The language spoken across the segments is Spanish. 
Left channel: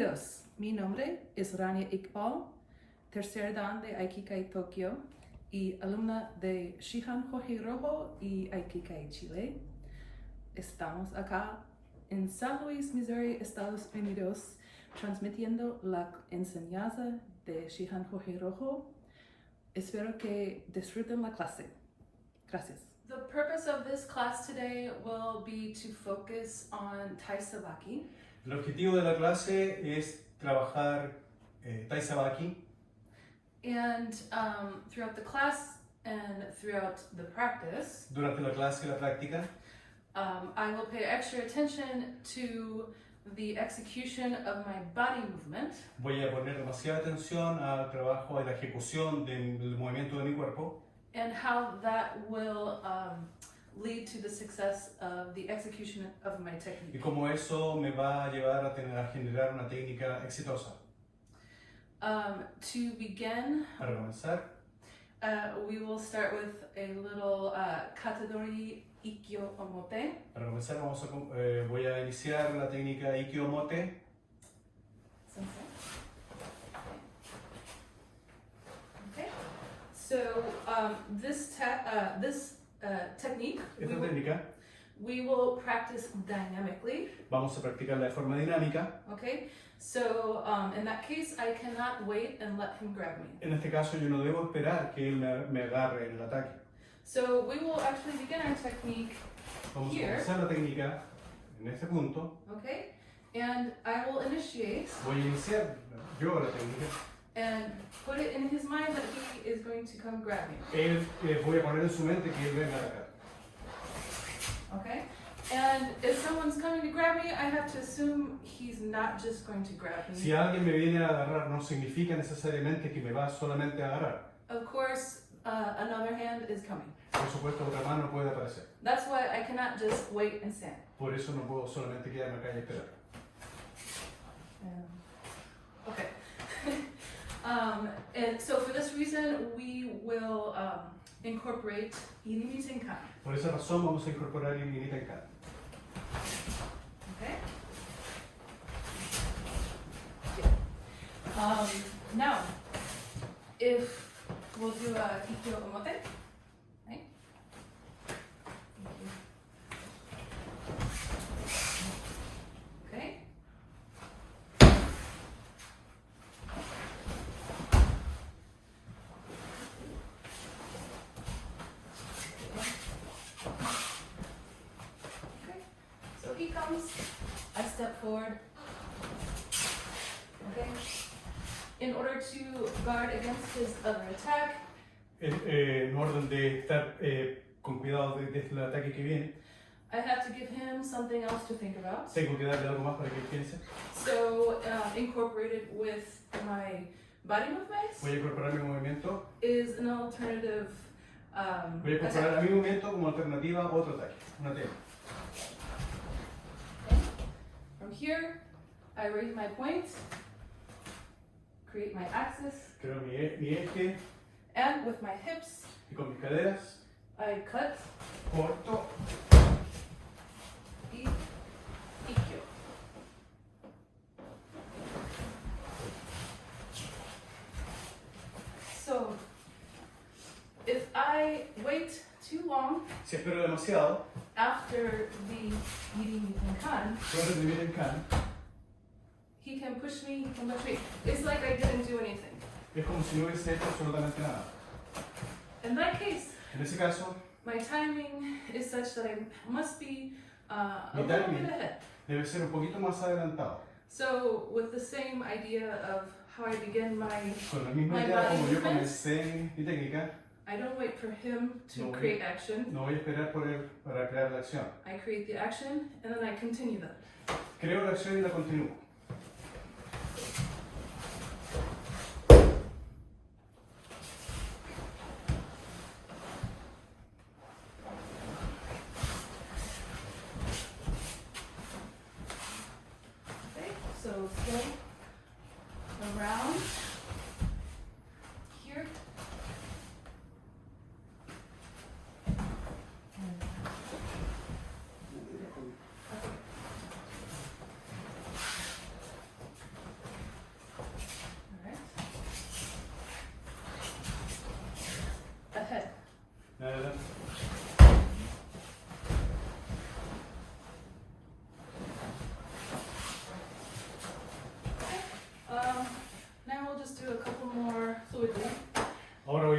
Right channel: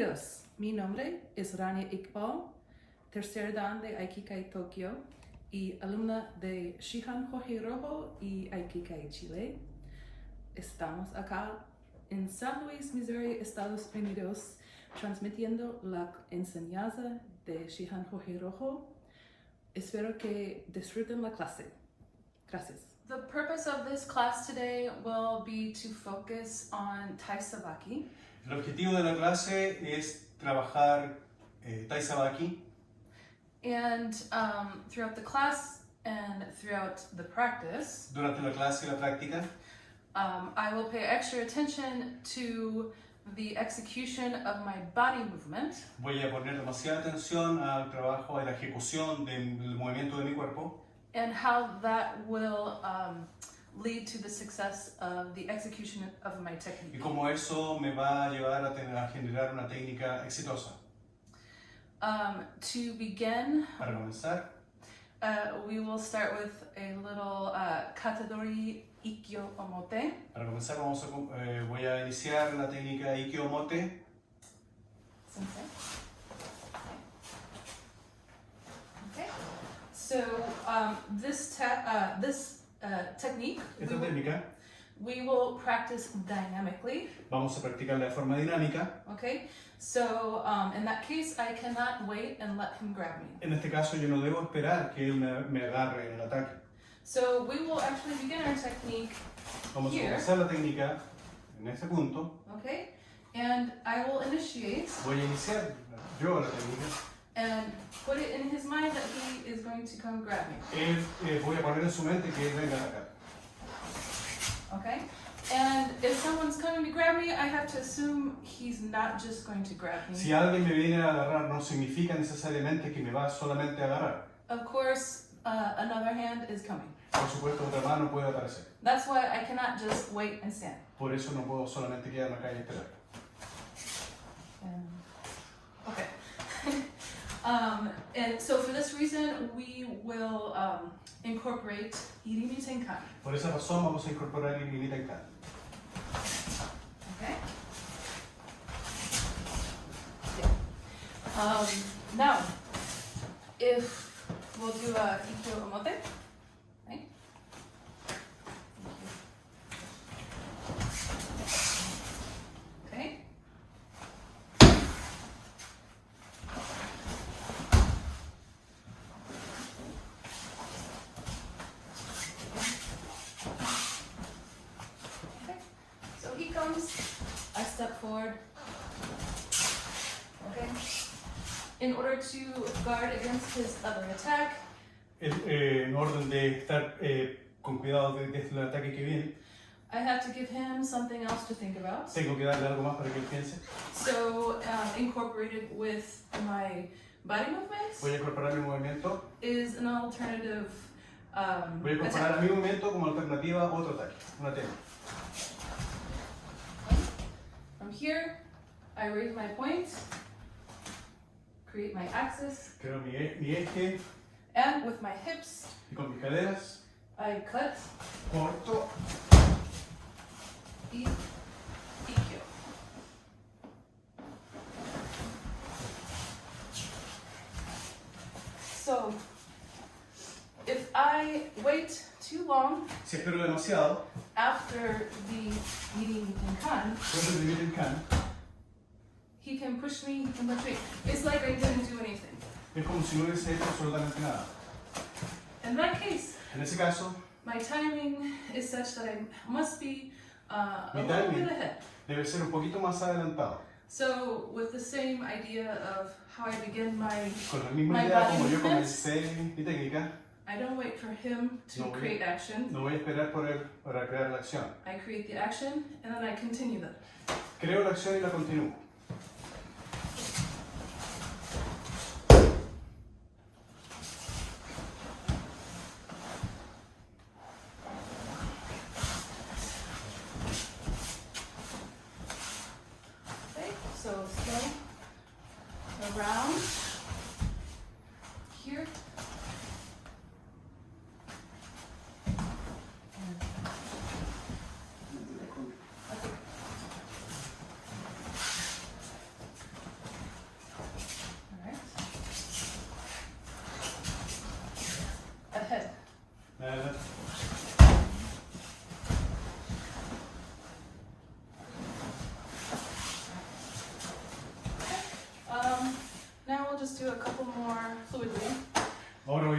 Bienvenidos. Mi nombre es Ranya Iqbal, tercer dan de Aikikai Tokio y alumna de Shihan Hoji Rojo y Aikikai Chile. Estamos acá en San Luis, Missouri, Estados Unidos, transmitiendo la enseñanza de Shihan Hoji Rojo. Espero que disfruten la clase. Gracias. The purpose of this class today will be to focus on Tai Sabaki. El objetivo de la clase es trabajar Tai Sabaki. And throughout the class and throughout the practice, Durante la clase y la práctica, I will pay extra attention to the execution of my body movement voy a poner demasiada atención al trabajo y la ejecución del movimiento de mi cuerpo and how that will lead to the success of the execution of my y technique. cómo eso me va a llevar a generar una técnica exitosa. To begin, Para comenzar, we will start with a little katadori ikkyo omote. voy a iniciar la técnica Ikkyo-Omote. Sensei. Okay. So this technique Esta técnica we will practice dynamically. vamos a practicarla de forma dinámica. Okay. So in that case, I cannot wait and let him grab me. En este caso yo no debo esperar que él me agarre en el ataque. So we will actually begin our technique Vamos a here. comenzar la técnica en este punto. Okay. And I will initiate Voy a iniciar yo la técnica. and put it in his mind that he is going to come grab me. Voy a poner en su mente que él venga a atacar. Okay? And if someone's coming to grab me, I have to assume he's not just going to grab me. Si alguien me viene a agarrar, no significa necesariamente que me va solamente a agarrar. Of course, another hand is coming. Por supuesto, otra mano puede aparecer. That's why I cannot just wait and stand. Por eso no puedo solamente quedarme acá y esperar. Okay. And so for this reason, we will incorporate Irimi Tenkan. Por esa razón vamos a incorporar el Irimi Tenkan. Okay. Now, if we'll do a Ikkyo Omote, right? Okay. Okay. So he comes, I step forward. Okay. In order to guard against his other attack, En orden de estar con cuidado desde el ataque que viene, I have to give him something else to think about. tengo que darle algo más para que él piense. So, incorporated with my body movements Voy a incorporar mi movimiento. is an alternative Voy a incorporar a attack. mi movimiento como alternativa a otro ataque. Una técnica. From here, I raise my point, create my axis, Creo mi eje and with my hips, y con mis caderas. I cut, Corto. ikkyo. So, if I wait too long Si espero demasiado, after the eating in kan, puedo recibir el can. he can push me, he can push me. It's like I didn't do anything. Es como si no hubiese hecho absolutamente nada. In that case, En ese caso, my timing is such that I must be a Mi little timing. bit ahead. debe ser un poquito más adelantado. So, with the same idea of how I begin my, Con la misma My idea body como yo movements. comencé mi técnica, I don't wait for him to No, create action. no voy a esperar por él para crear la acción. I create the action and then I continue that. Creo la acción y la continúo. Okay, so still around here.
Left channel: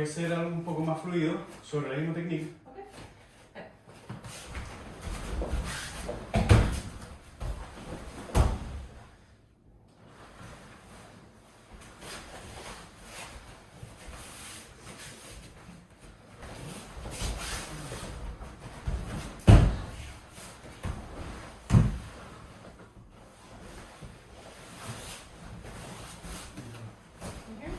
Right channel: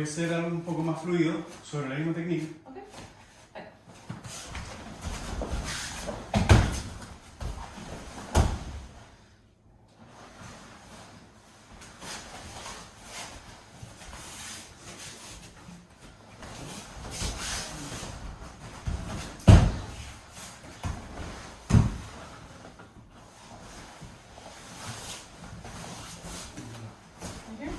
ser algo un poco más fluido sobre la misma técnica. Okay. Right. Here.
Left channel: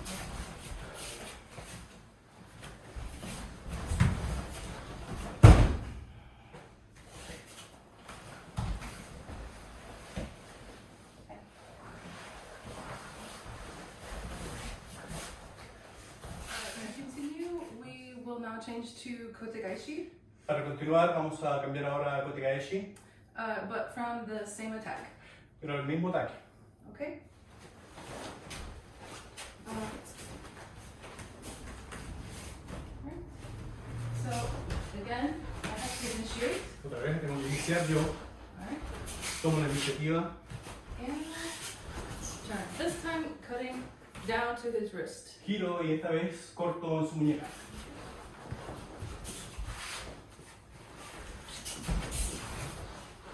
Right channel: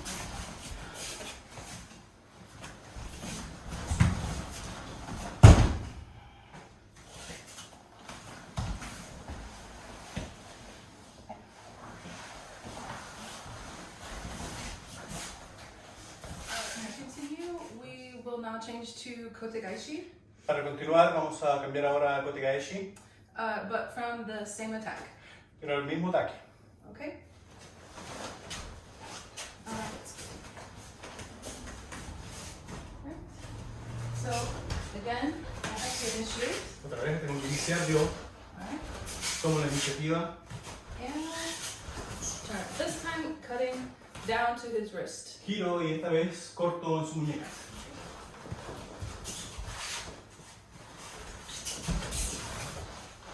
To continue, we will now change to kotegaishi, Para continuar, vamos a cambiar ahora a kotegaeshi, but from the same attack. pero el mismo ataque. Okay. Right. So again, I have to initiate. Otra vez tengo que iniciar yo, Alright. tomo la iniciativa And turn. This time cutting down to his wrist. giro y esta vez corto en su muñeca.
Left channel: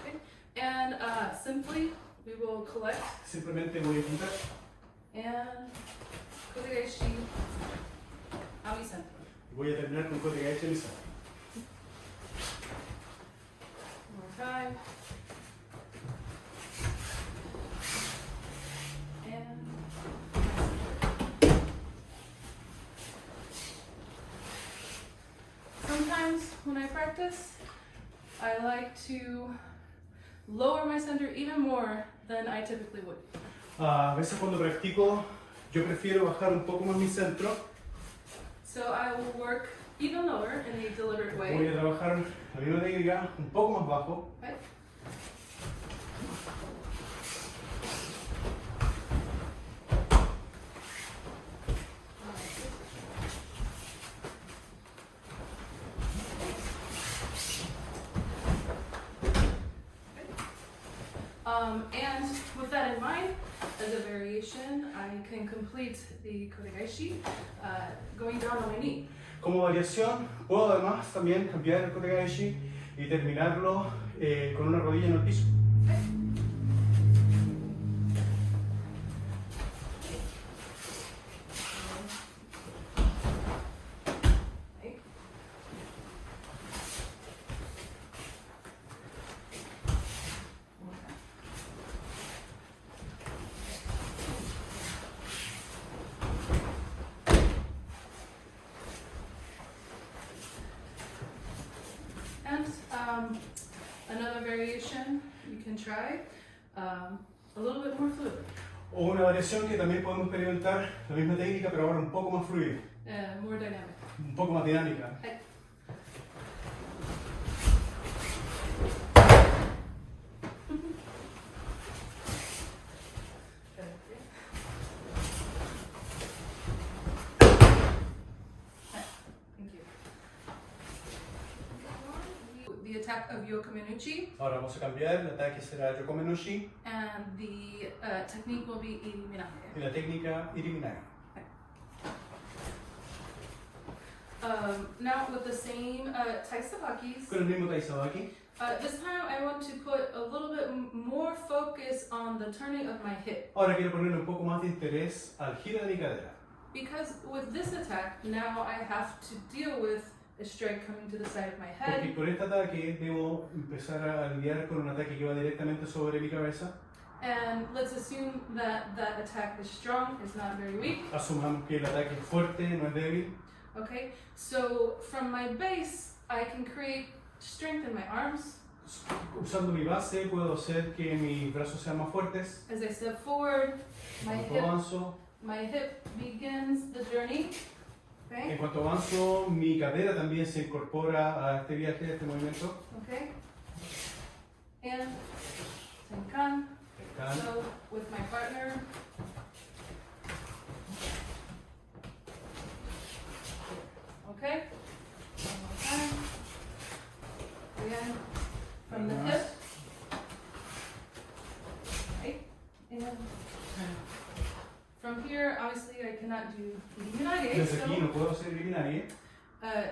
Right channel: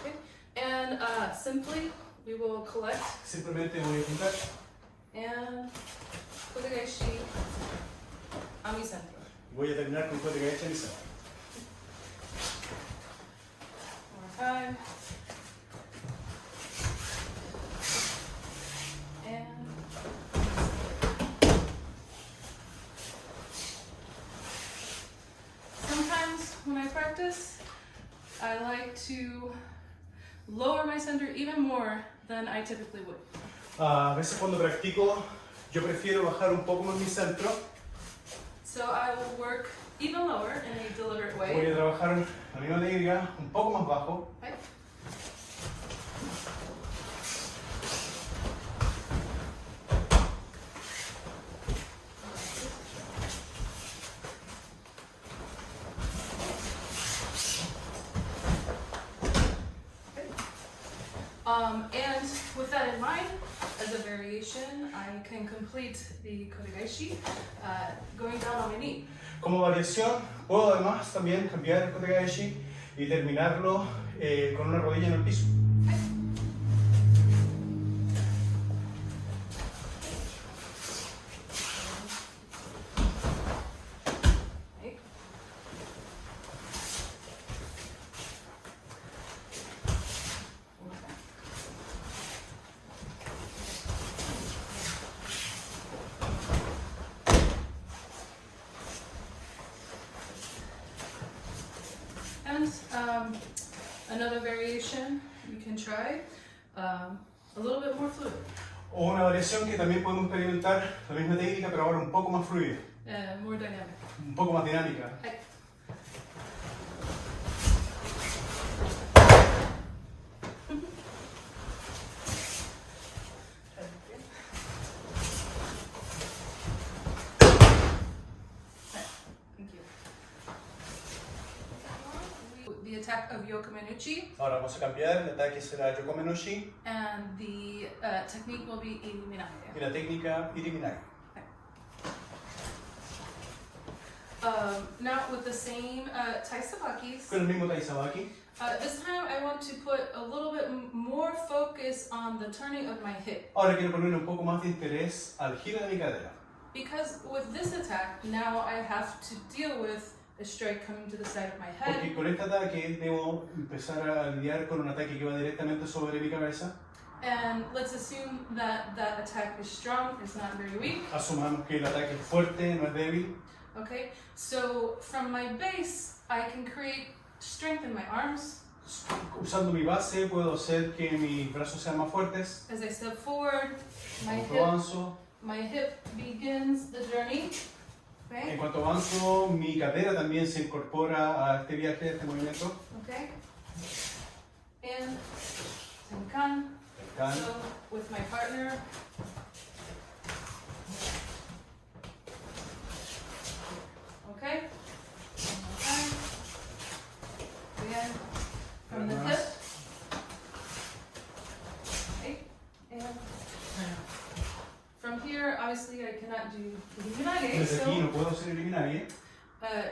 Okay. And simply we will collect Simplemente voy a quitar and kotegaishi a mi centro. voy a terminar con kotegaeshi en mi centro. One more time. And sometimes when I practice, I like to lower my center even more than I typically would. A veces cuando practico, yo prefiero bajar un poco más mi centro. So I will work even lower in a deliberate Voy way. a trabajar la misma técnica un poco más bajo. Right? And with that in mind, as a variation, I can complete the kotegaishi going down on my knee. Como variación, puedo además también cambiar el kotegaeshi y terminarlo con una rodilla en el piso. Okay. And another variation you can try, a little bit more fluid, O una variación que también podemos experimentar, la misma técnica, pero ahora un poco más fluida, more dynamic. un poco más dinámica. Hey. Thank you. The attack of Yokomenuchi, Ahora vamos a cambiar, el ataque será Yokomenoshi and the technique will be Illuminate. y la técnica Iriminai. Now with the same taisabakis, Con el mismo Taisabaki, this time I want to put a little bit more focus on the turning of my hip. ahora quiero ponerle un poco más de interés al giro de mi cadera. Because with this attack, now I have to deal with a strike coming to the side of my head. Porque con este ataque debo empezar a lidiar con un ataque que va directamente sobre mi cabeza. And let's assume that that attack is strong, it's not very weak. Asumamos que el ataque es fuerte, no es débil. Okay, so from my base, I can create strength in my arms. Usando mi base puedo hacer que mis brazos sean más fuertes. As I step forward, Cuando avanzo, my hip begins the journey. en Okay, cuanto avanzo, mi cadera también se incorpora a este viaje, a este movimiento. okay. And Tenkan, Can. so with my partner. Okay, one more time. Again, from the hip. Okay, and from here, obviously I cannot cannot do eliminaje, Desde aquí no puedo hacer eliminaje,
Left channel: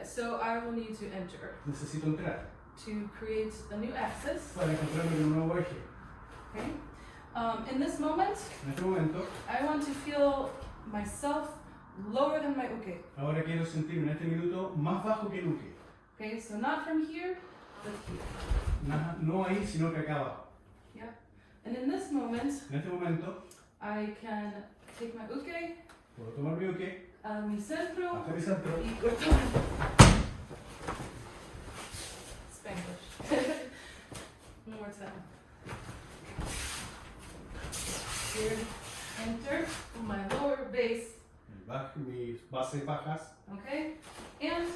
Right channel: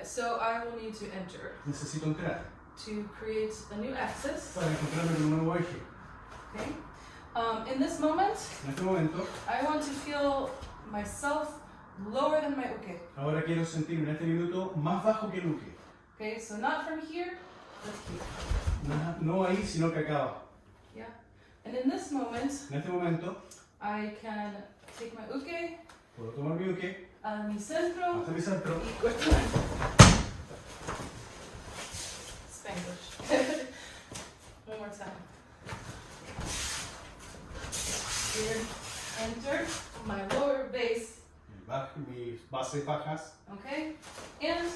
so I will need to enter necesito entrar to create a new axis. para encontrar un nuevo eje. Okay. In this moment, En este momento, I want to feel myself lower than my uke. ahora quiero sentirme en este minuto más bajo que el uke. Okay, so not from here, but here. No ahí, sino que acá abajo. Yeah. And in this moment, En este momento, I can take my uke puedo tomar mi uke a mi centro hasta mi centro y cortar. Spanish. One more time. Here, enter my lower base. mis bases bajas, Okay, and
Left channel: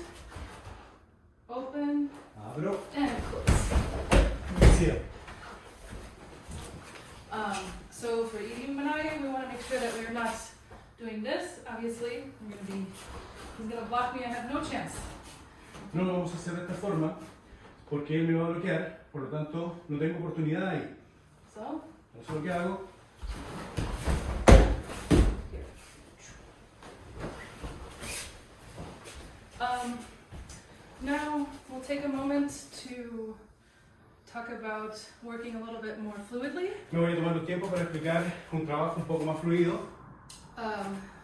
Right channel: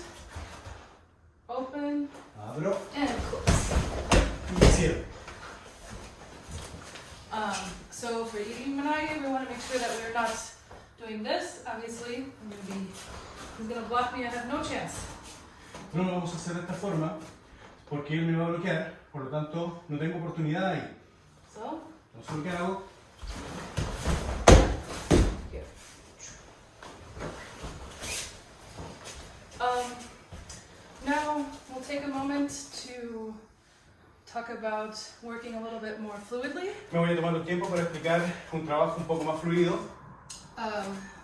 open abro and close. y cierro. So for Iqbal, we want to make sure that we're not doing this. Obviously, he's gonna block me. I have no chance. No lo vamos a hacer de esta forma porque él me va a bloquear, por lo tanto no tengo oportunidad ahí. So Entonces lo que hago, here. Now we'll take a moment to talk about working a little bit more fluidly. me voy a tomar un tiempo para explicar un trabajo un poco más fluido.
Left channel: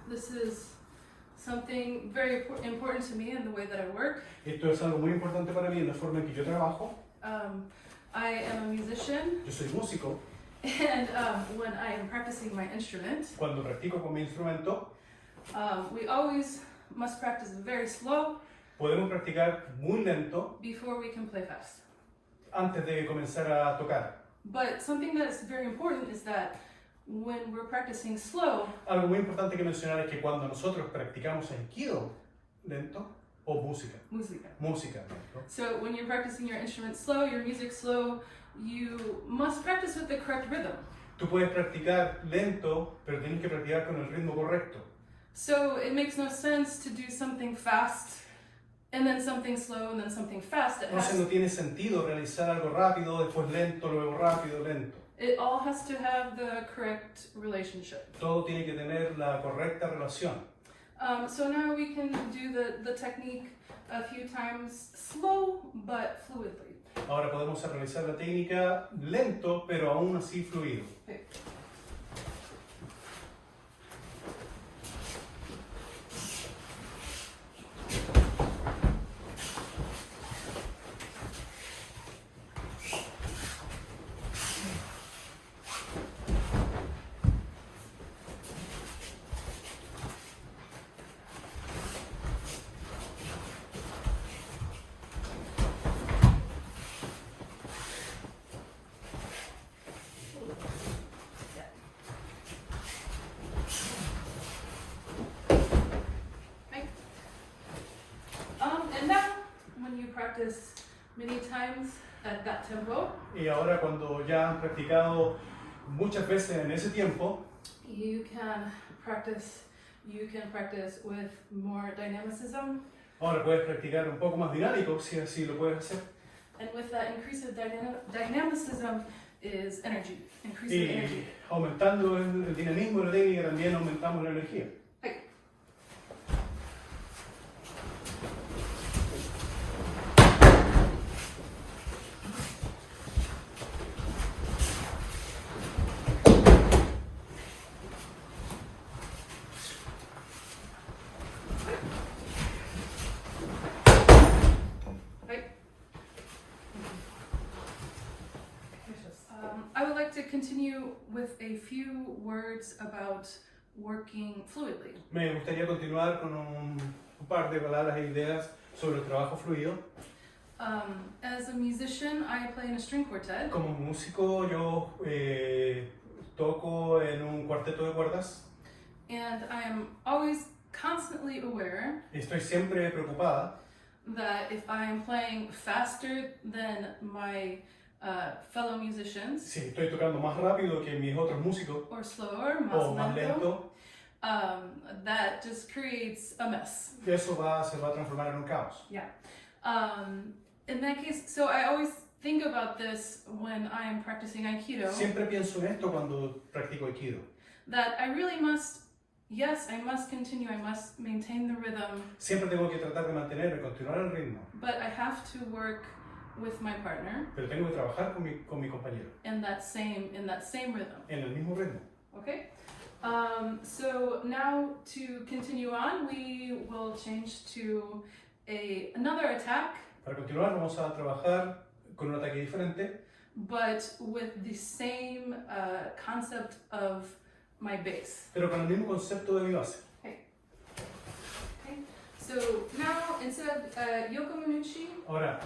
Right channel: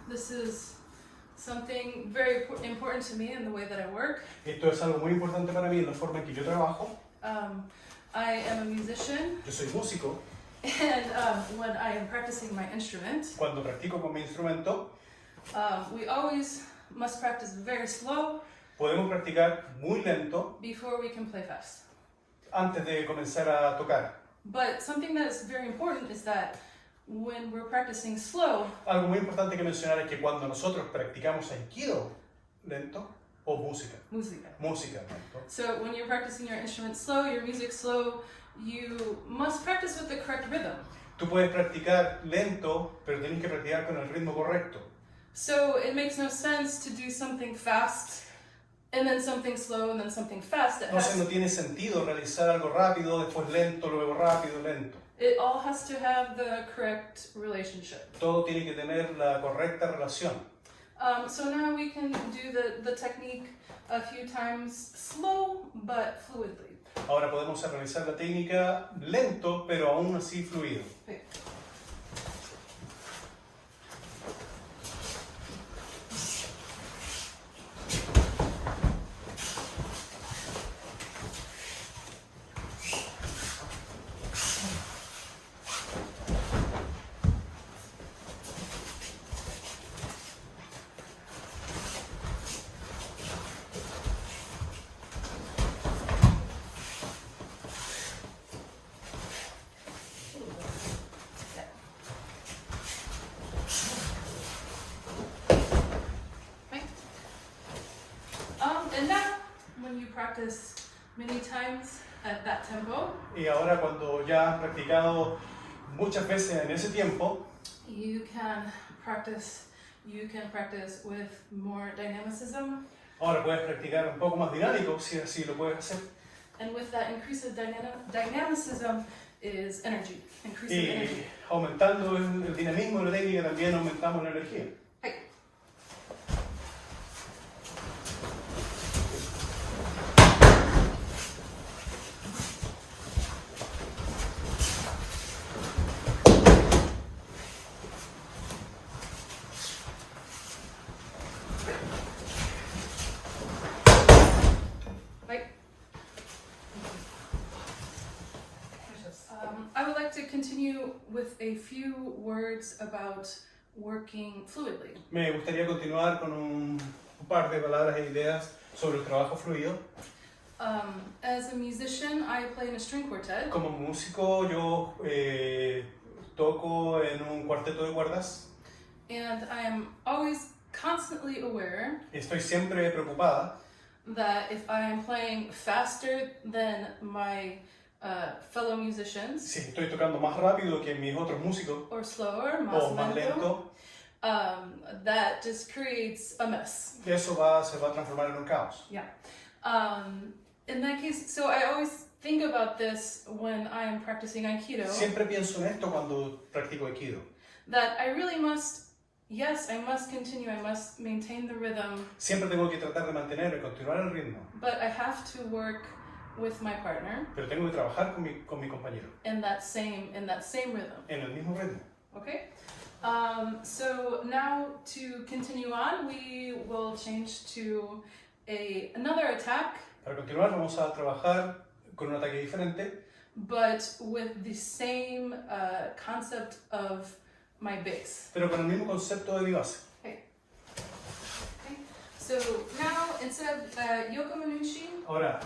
This is something very important to me in the way that I work. Esto es algo muy importante para mí en la forma en que yo trabajo. I am a musician, Yo soy músico. and when I am practicing my instrument, Cuando practico con mi instrumento, we always must practice very slow podemos practicar muy lento before we can play fast. antes de comenzar a tocar. But something that is very important is that when we're practicing slow, Algo muy importante que mencionar es que cuando nosotros practicamos aikido lento o música, música. lento, So when you're practicing your instrument slow, your music slow, you must practice with the correct rhythm. tú puedes practicar lento, pero tienes que practicar con el ritmo correcto. So it makes no sense to do something fast and then something slow and then something fast. Entonces no tiene sentido realizar algo rápido, después lento, luego rápido, lento. It all has to have the correct relationship. Todo tiene que tener la correcta relación. So now we can do the technique a few times slow but fluidly. Ahora podemos realizar la técnica lento, pero aún así fluido. Okay. And now, when you practice many times at that tempo, Y ahora cuando ya has practicado muchas veces en ese tiempo, you can practice with more dynamicism, ahora puedes practicar un poco más dinámico, si así lo puedes hacer. and with that increase of dynamicism is energy, increase of Y energy. aumentando el dinamismo de la técnica también aumentamos la energía. I would like to continue with a few words about working fluidly. Me gustaría continuar con un par de palabras e ideas sobre el trabajo fluido. As a musician, I play in a string quartet, Como músico yo toco en un cuarteto de cuerdas and I am always constantly aware y estoy siempre preocupada that if I am playing faster than my fellow musicians, si estoy tocando más rápido que mis otros músicos or slower, más o más lento, lento, that just creates a mess. eso se va a transformar en un caos. Yeah. In that case, so I always think about this when I am practicing Aikido, Siempre pienso en esto cuando practico aikido, that I really must Yes, I must continue, I must maintain the rhythm, Siempre tengo que tratar de mantener y continuar el ritmo, but I have to work with my partner pero tengo que trabajar con mi compañero in that same rhythm. en el mismo ritmo. Okay? So now to continue on, we will change to another attack, Para continuar vamos a trabajar con un ataque diferente, but with the same concept of my base. pero con el mismo concepto de mi base. Okay? So now instead of Yoko Manucci, Ahora,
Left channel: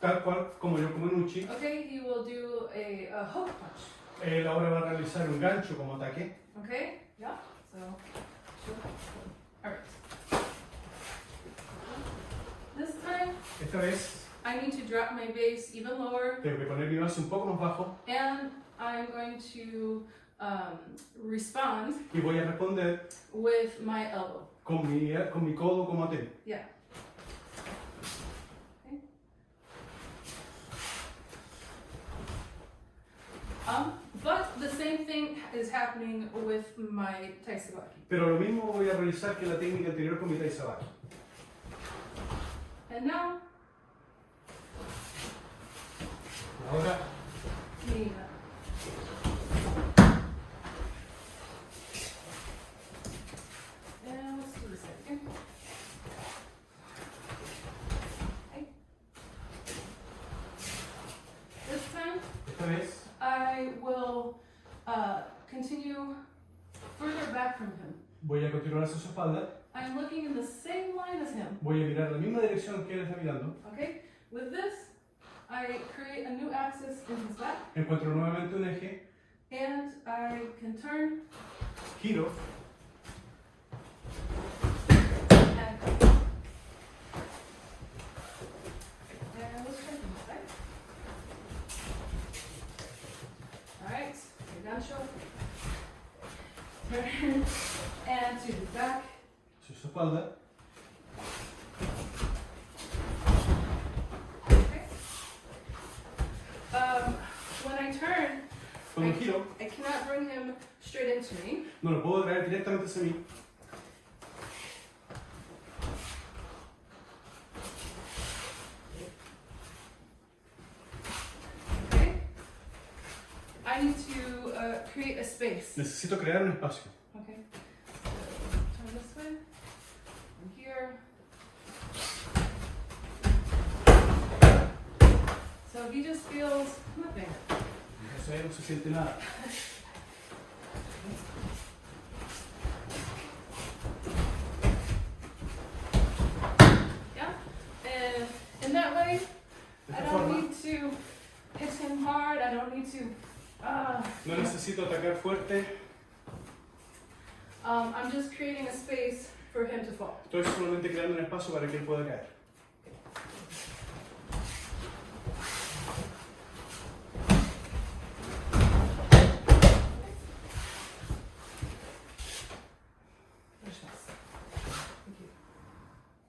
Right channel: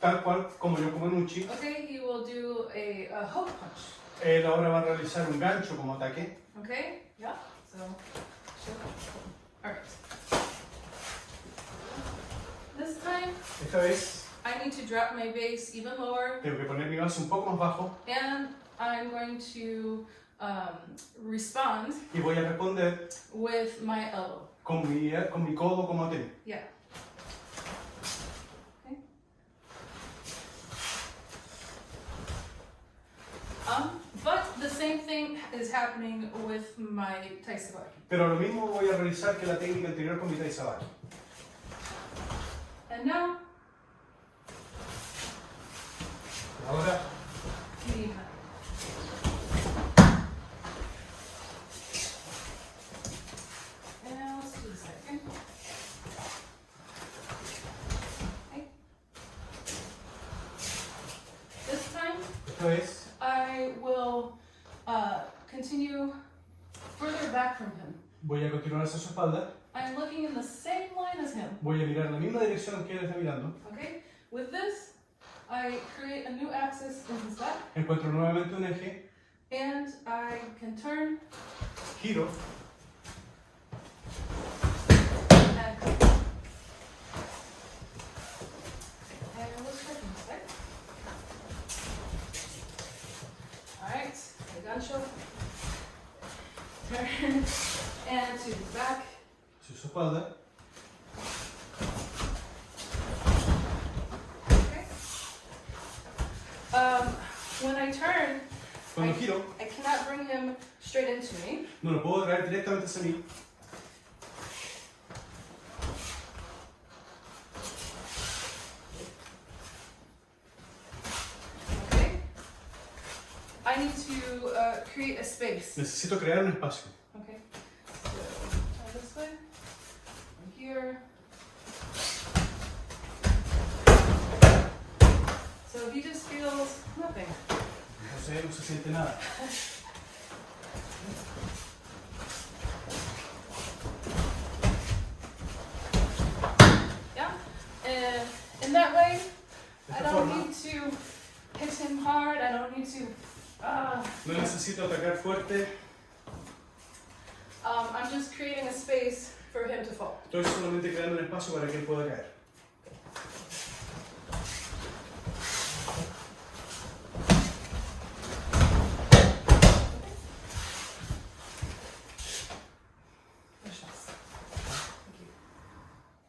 tal cual como yo como Nucci, okay, he will do a hook punch. él ahora va a realizar un gancho como ataque. Okay? Yeah. So, sure. All right. This time, Esta vez I need to drop my base even lower, tengo que poner mi base un poco más bajo and I'm going to respond y voy a responder with my elbow. con mi codo como te. Yeah. Okay. But the same thing is happening with my taisabaki. Pero lo mismo voy a realizar que la técnica anterior con mi taizabaki. And now, Ahora the and let's do the second. Okay. This time, esta vez I will continue further back from him. voy a continuar hacia su espalda, I'm looking in the same line as him. voy a mirar la misma dirección que él está mirando, Okay? With this, I create a new axis in his back, encuentro nuevamente un eje, and I can turn giro and come. And let's turn from this side. Alright, I got you. Turn and to the back. hacia su espalda. Okay. When I turn, Cuando giro, I cannot bring him straight into me. no lo puedo traer directamente hacia mí, Okay. I need to create a space. necesito crear un espacio. Okay. Turn this way. And here. So he just feels nothing. Entonces él no se siente nada. Yeah. And in that way, De I esta don't forma, need to hit him hard. I don't need to. no necesito atacar fuerte, I'm just creating a space for him to fall. estoy solamente creando un espacio para que él pueda caer.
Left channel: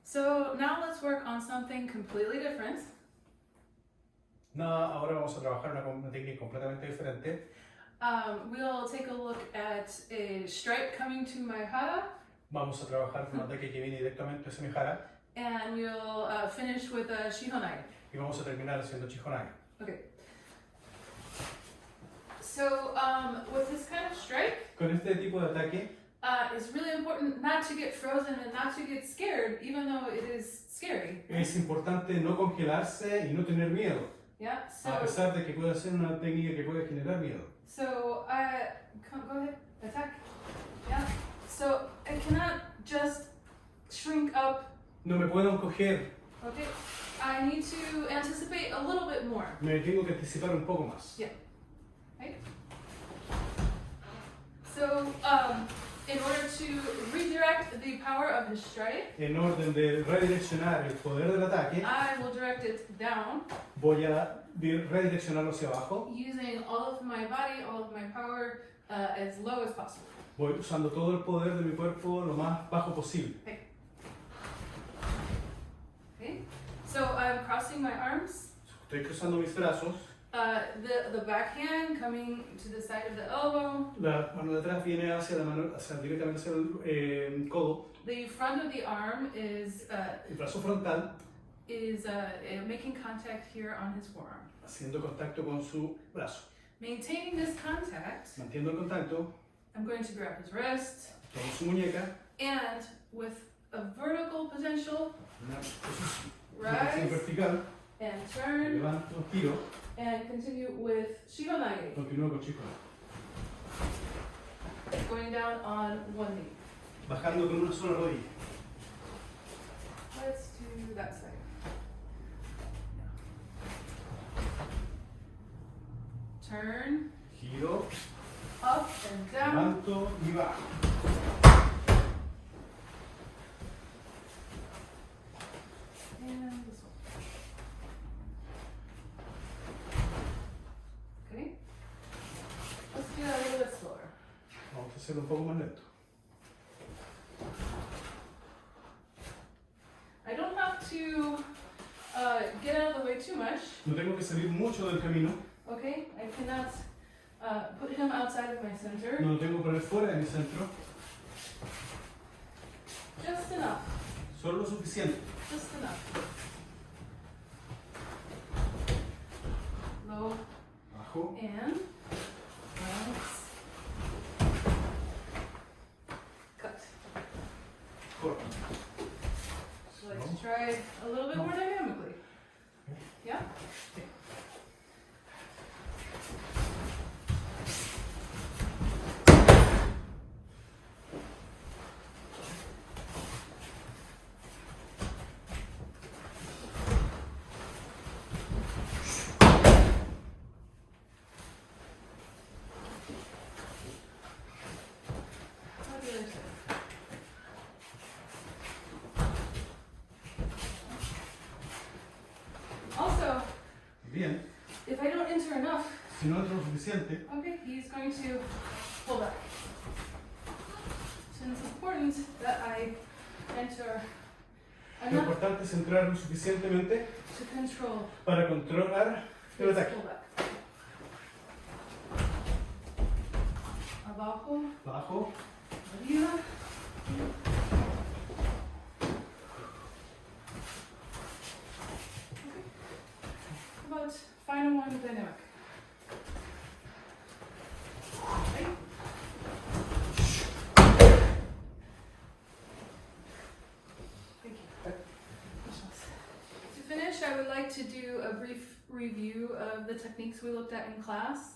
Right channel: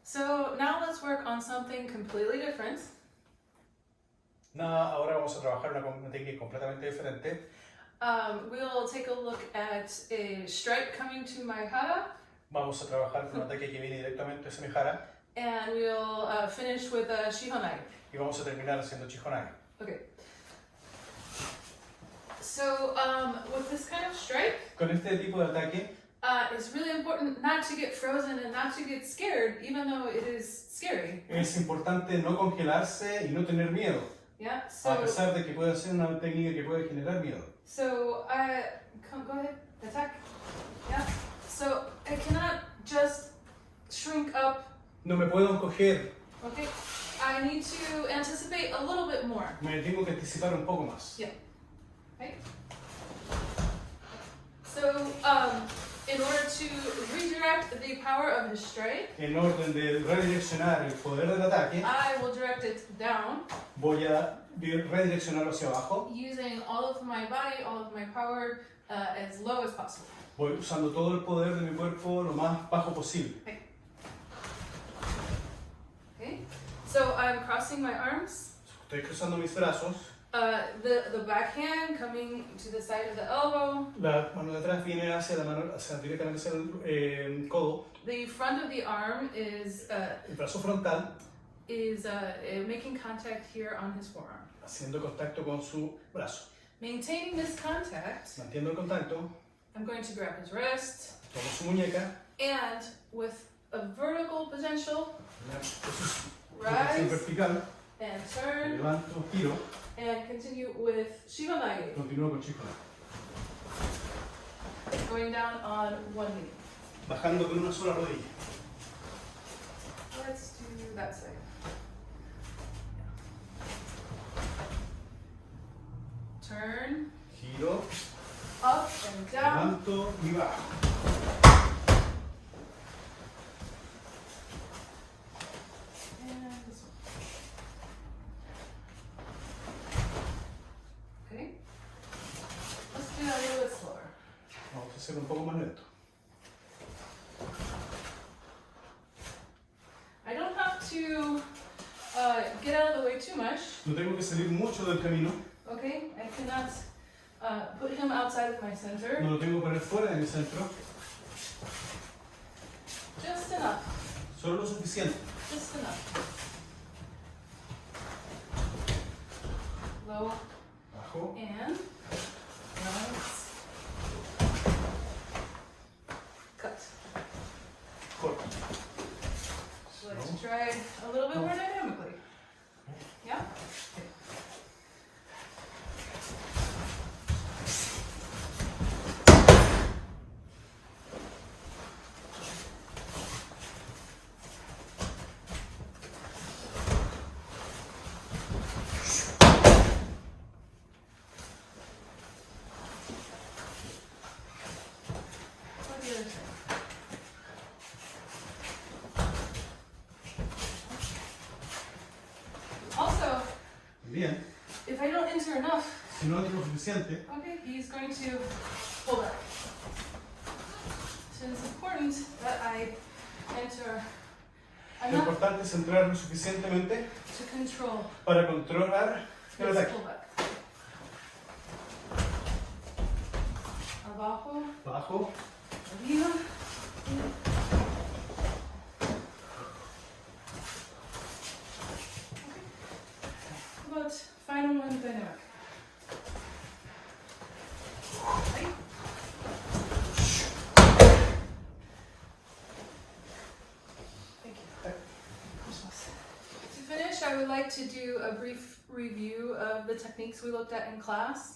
So now let's work on something completely different. Nada, ahora vamos a trabajar una técnica completamente diferente. We'll take a look at a strike coming to my hara, Vamos a trabajar con un ataque que viene directamente hacia mi jara and we'll finish with a shihonai. y vamos a terminar haciendo chijonai. Okay. So with this kind of strike, Con este tipo de ataque it's really important not to get frozen and not to get scared, even though it is scary. es importante no congelarse y no tener miedo, Yeah. a So pesar de que puede ser una técnica que puede generar miedo. go ahead, attack. Yeah. So I cannot just shrink up. No me puedo encoger, Okay. I need to anticipate a little bit more. me tengo que anticipar un poco más. Yeah. Right? So, in order to redirect the power of his strike, En orden de redireccionar el poder del ataque, I will direct it down voy a redireccionarlo hacia abajo. using all of my body, all of my power as low as possible. Voy usando todo el poder de mi cuerpo lo más bajo posible. Okay? So I'm crossing my arms. Estoy cruzando mis brazos, The backhand coming to the side of the elbow. La mano de atrás viene hacia la mano, directamente hacia el codo. The front of the arm is El brazo frontal making contact here on his forearm. haciendo contacto con su brazo. Maintaining this contact, Mantiendo el contacto, I'm going to grab his wrist, tomo su muñeca, and with a vertical potential, una posición rise vertical, and turn, levanto, giro, and continue with Shivamagi, continúo con chico. going down on one knee. Bajando con una sola rodilla. Let's do that side. Turn, Giro, up and down. levanto y bajo. And this one. Okay. Let's do that a little bit slower. Vamos a hacer un poco más lento. I don't have to get out of the way too much. No tengo que salir mucho del camino. Okay, I cannot put him outside of my center. No lo tengo que poner fuera de mi centro. Just enough. Solo lo suficiente. Just enough. Low Bajo. and rise. Cut. Corto. So let's try it a little bit more dynamically. Yeah? Okay. Now the other side. Also, Bien. if I don't enter enough, Si no entro lo suficiente, okay, he's going to pull back. So it's important that I enter lo enough importante es entrar lo suficientemente to control para controlar el his ataque. pullback. Abajo, Bajo. arriba. Okay. How about final one dynamic? Right? Thank you. To finish, I would like to do a brief review of the techniques we looked at in class.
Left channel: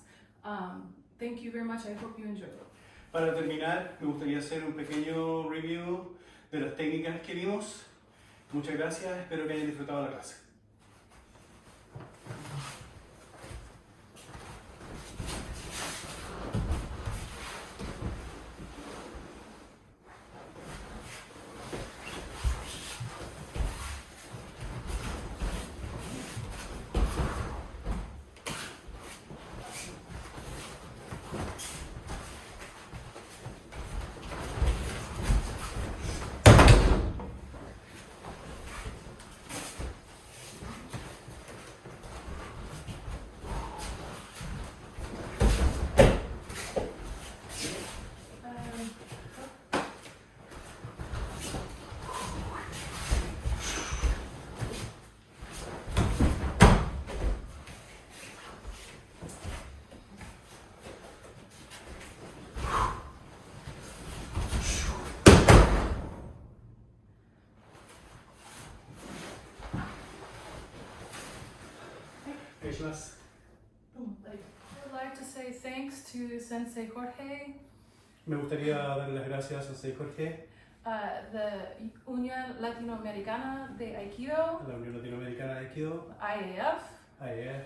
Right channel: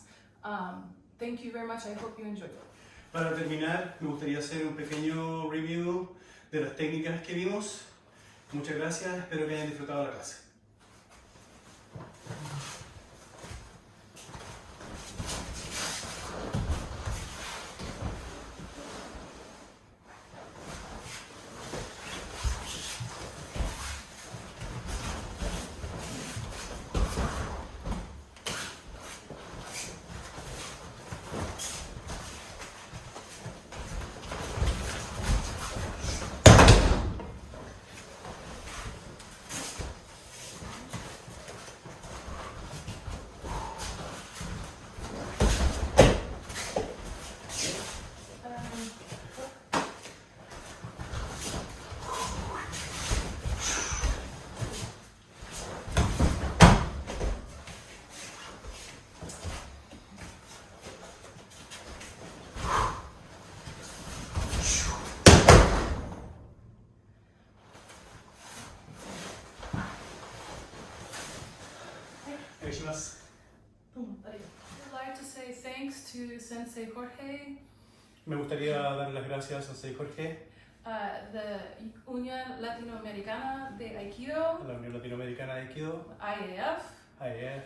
Thank you very much. I hope you enjoyed it. Para terminar, me gustaría hacer un pequeño review de las técnicas que vimos. Muchas gracias, espero que hayan disfrutado la clase. I would like to say thanks to Sensei Jorge, Me gustaría dar las gracias a Sensei Jorge, the Unión Latinoamericana de Aikido, a la Unión Latinoamericana de Aikido, IAF. IAF.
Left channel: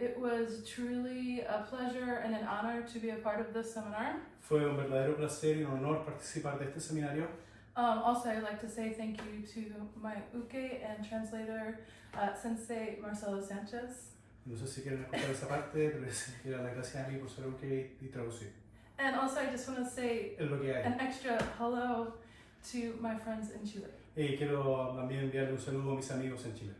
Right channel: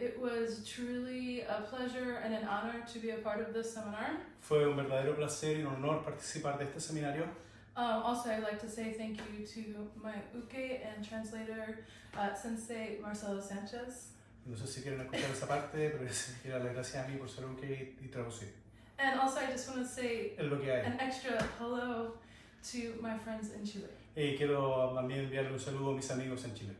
It was truly a pleasure and an honor to be a part of this seminar. Fue un verdadero placer y un honor participar de este seminario. Also, I'd like to say thank you to my uke and translator, Sensei Marcelo Sanchez. No sé si quieren escuchar esa parte, pero les quiero dar las gracias a mí por ser un que y traducir. And also, I just want to say Es lo que hay. an extra hello to my friends in Chile. Y quiero también enviarle un saludo a mis amigos en Chile.